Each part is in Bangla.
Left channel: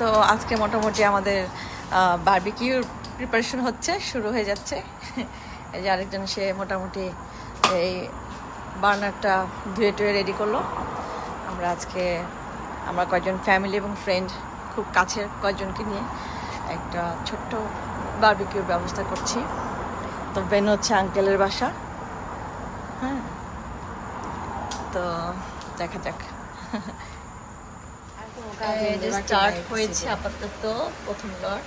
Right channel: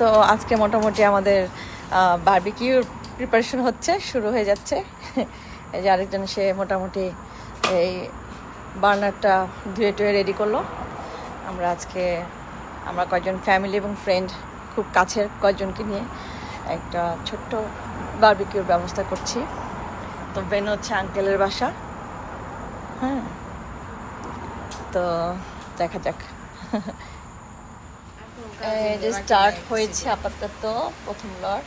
তো আজকে মোটামুটি আমাদের বারবিকিউর প্রিপারেশন হচ্ছে, শুরু হয়ে যাচ্ছে। এই যে আরেকজন সে মোটামুটি এই বার্নারটা ধুয়ে টুয়ে রেডি করলো। আমরা কয়েকজন ফ্যামিলি এবং ফ্রেন্ড, খুব কাছের কয়েকজনকে নিয়ে একটা ছোট্ট বারবিকিউর ব্যবস্থা করছি। তো বেন হচ্ছে আঙ্কেলের বাসা। হ্যাঁ, তো দেখা যাক। এই যে স্টার্ট হয়েছে আপাতত, প্রথম লট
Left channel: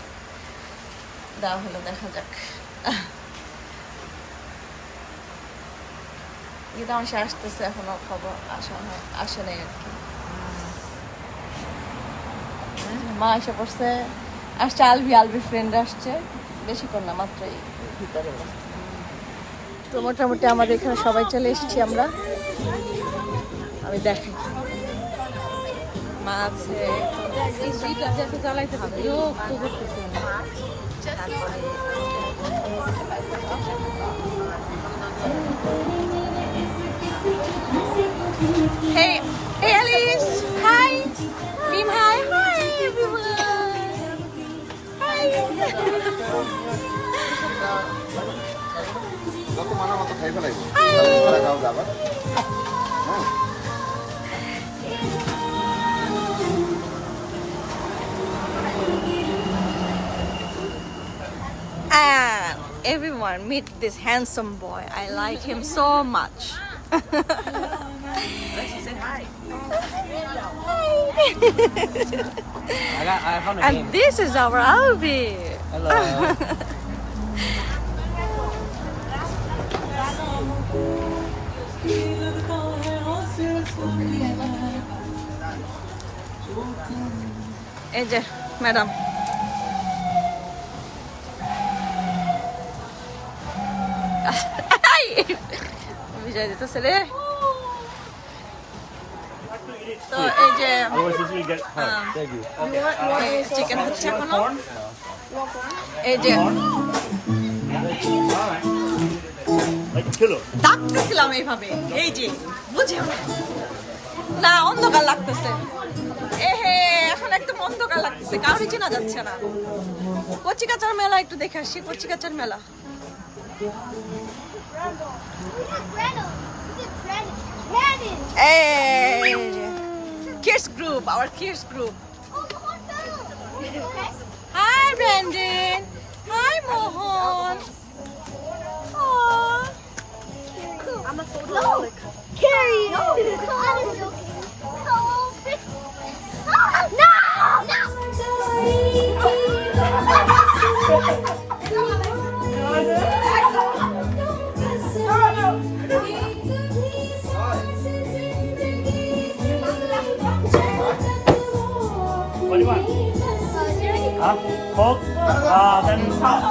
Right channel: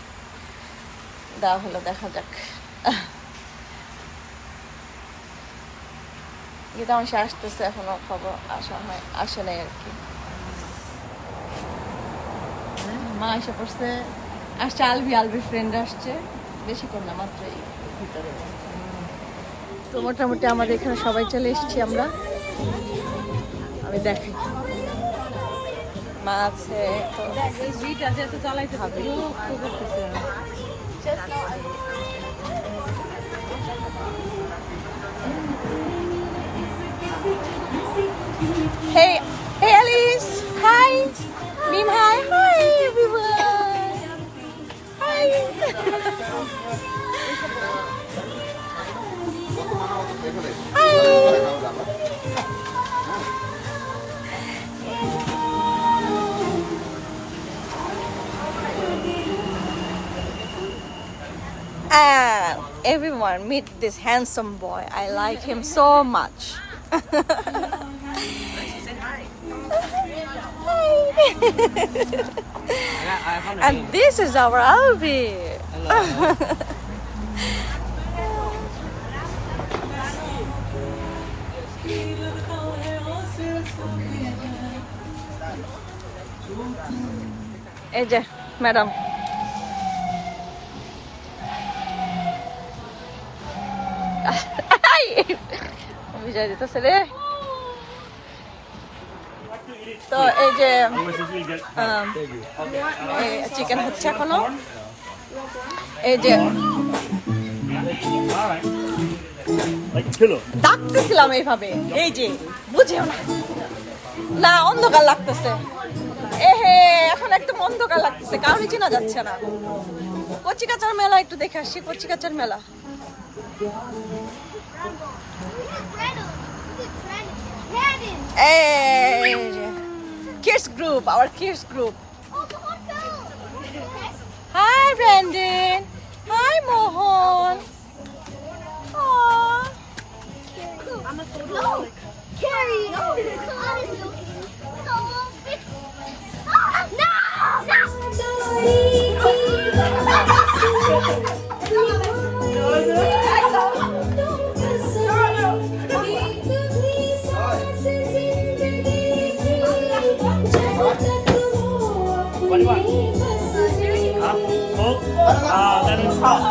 দেওয়া হলো, দেখা যাক। কিন্তু আমার সে আসতেছে, এখনো খবর আসে নাই আর কি। মা এসে পড়ছে, আসছে আলবির ফ্রেন্ড আসছে, বেশিক্ষণ না, মাত্রই ভিতরে। তো মোটামুটি আমাদের এখানে সবাই চলে এসেছি আমরা। আমি দেখাই, মা আছে, চালাইতে হবে। Hey, hey Alice, hi. Mim, hi, hi everyone. Hi. And everyone meet this handsome boy. I like him so much. And this is our Albi. Hello. এই যে ম্যাডাম, বিজয় দিতেছে রে। তো এই যে চিকেন হচ্ছে এখনো। এই যে ডাকতেছিলাম এইভাবে, এই যে বুঝেও না, না অন্ধকার লাগতেছে। এখন একদম অন্ধকার লাগতেছে, কাউরি চেনা যাচ্ছে না। কচিকাচার মেলা একটু দেখে আসছি, কচিকাচার মেলা। Kids group, our kids group. Hi Brandon. Hi Mohan. Aww. No, Carrie. No, no, What do you want? Huh? Coke? Then it's hot.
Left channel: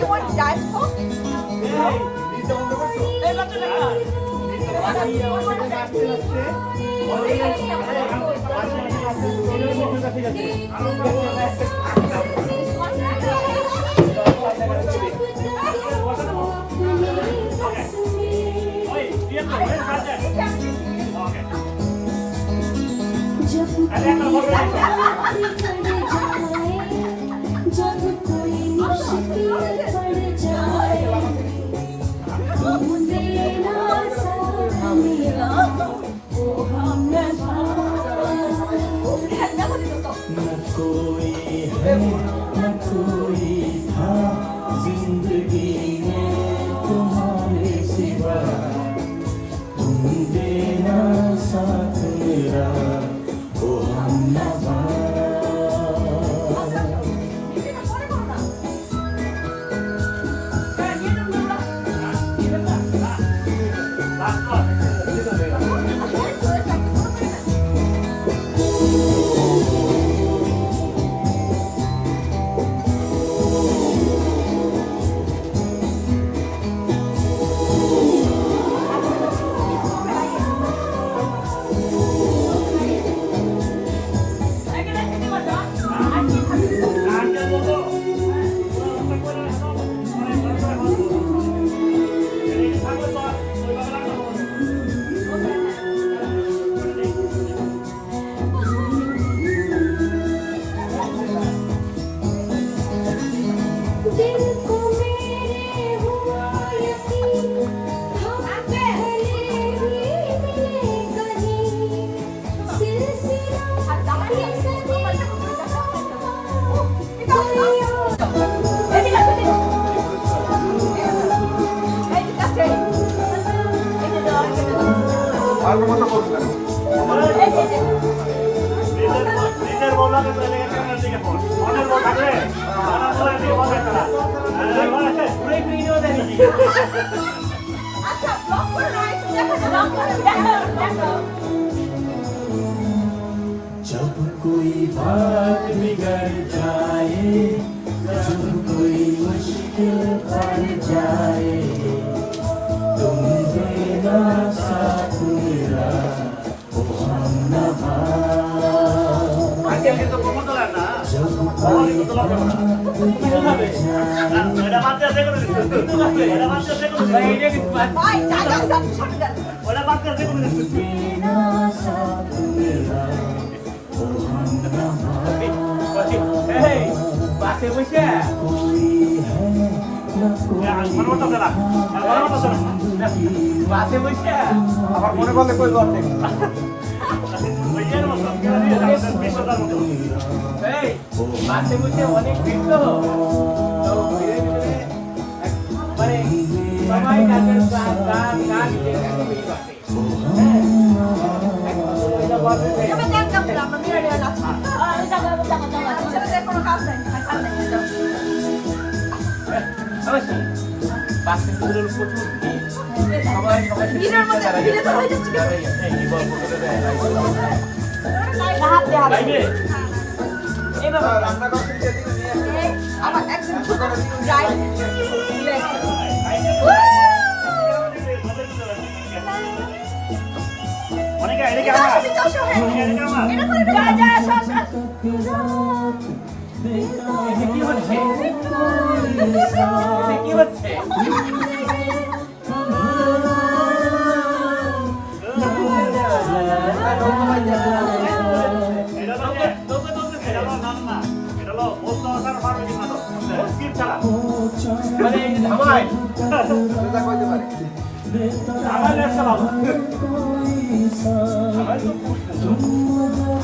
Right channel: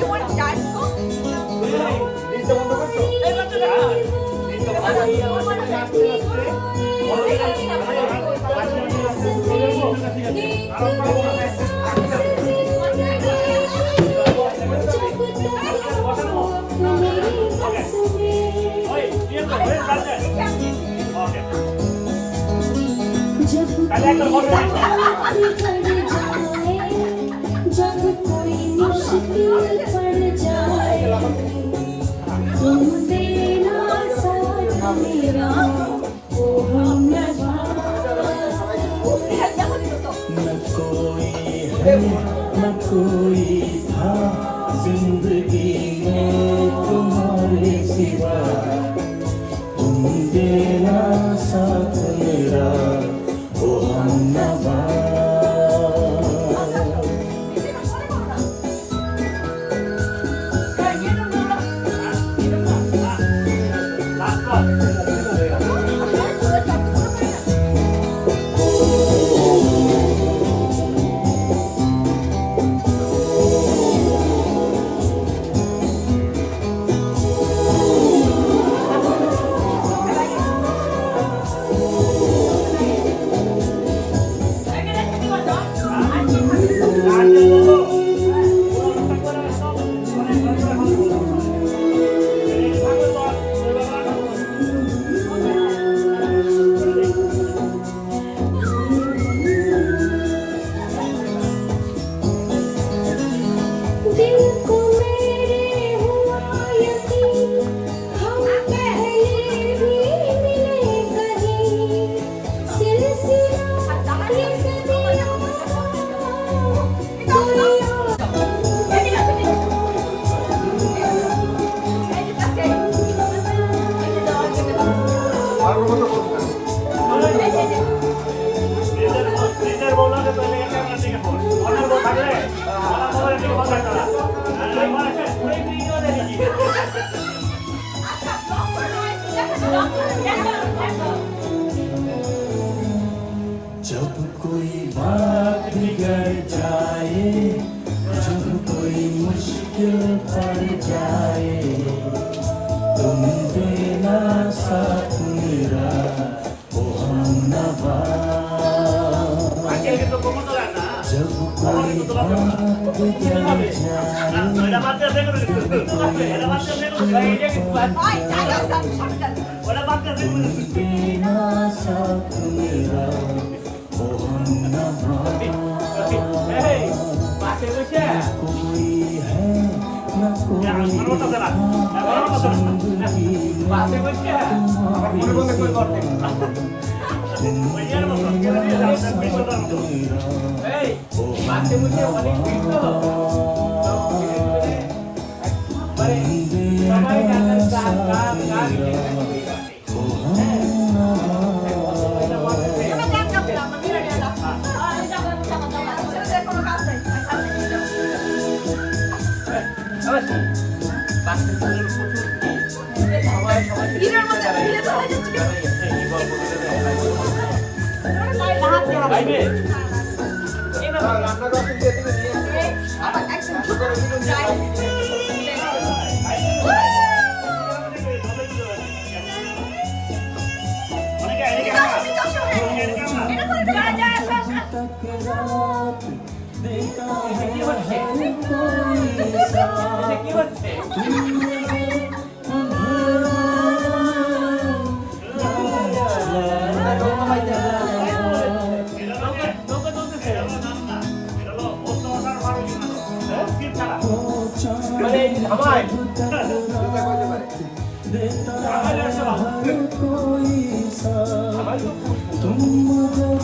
You want Diet Coke? এই বাচ্চাটা কার? ভালো মতো করবো কেন? নিজের বউ লাগে তো এলাকা ক্যামেরার দিকে ফোন অন্যের বউ থাকলে আমার মোবাইলের দিকে বন্ধ তারা ঘুরে ঘুরে গেলে দেখি আচ্ছা ব্লক করে নয় দেখো जब कोई बात बिगड़ जाए जब कोई मुश्किल पड़ जाए तुम देना साथ मेरा ओ हमनवा আঙ্কেল কিন্তু কবুল তোলা না আমার কিন্তু তোলা যাবে না তুমি হবে না ওটা বাদ দিয়ে দেখো ওটা বাদ দিয়ে দেখো ভাই এটা কি বাদ ভাই টাকা সব সরকার ওটা বাদ দিয়ে দেখো देना साथ मेरा ओ हमनवा এই পাশে বসে মানে ওটা দেনা মানে ওটা দেনা পাশে বসে আবার মনে পড়লে কই করতে ওই এর মতো কেন নিয়ে যাচ্ছেন বিশ্বদার মতো এই মাঝে মধ্যে অনেক ভিড় তো তো ভিড়ের ভিতরে মানে সবাই গান গান গান গান এত ভিড় আছে হ্যাঁ এক ভদ্র মহিলা বলতেছে আমি গান গাবলাম আমি মিরর না আমি যাবো ছেলেদের কোনো কাজ নাই কাজ নাই অবশ্যই বাসের ভিতরে প্রচুর ভিড় সবাই সবাই ভিড়ের মধ্যে ভিড়ে তো হয়ে যাচ্ছে এই গল্প হাত দে হাত লাইবে এবার রান্না করতে দিয়ে দিলে নিয়ে আসতে আবার একদম যাই অনেকে এদিকে আমার এটা করে যা যা সস এটা কি হচ্ছে এটা কি হচ্ছে নৌকা পাই যাচ্ছে এটা নৌকা চলতেছে না না এটা হলো বস্তা আসার মারো কিনা তো স্কিপ ছাড়া মানে এই যে ধামায় যেটা কইতে পারে আমার ব্যবসা ভালো আমার তো খুব সুন্দর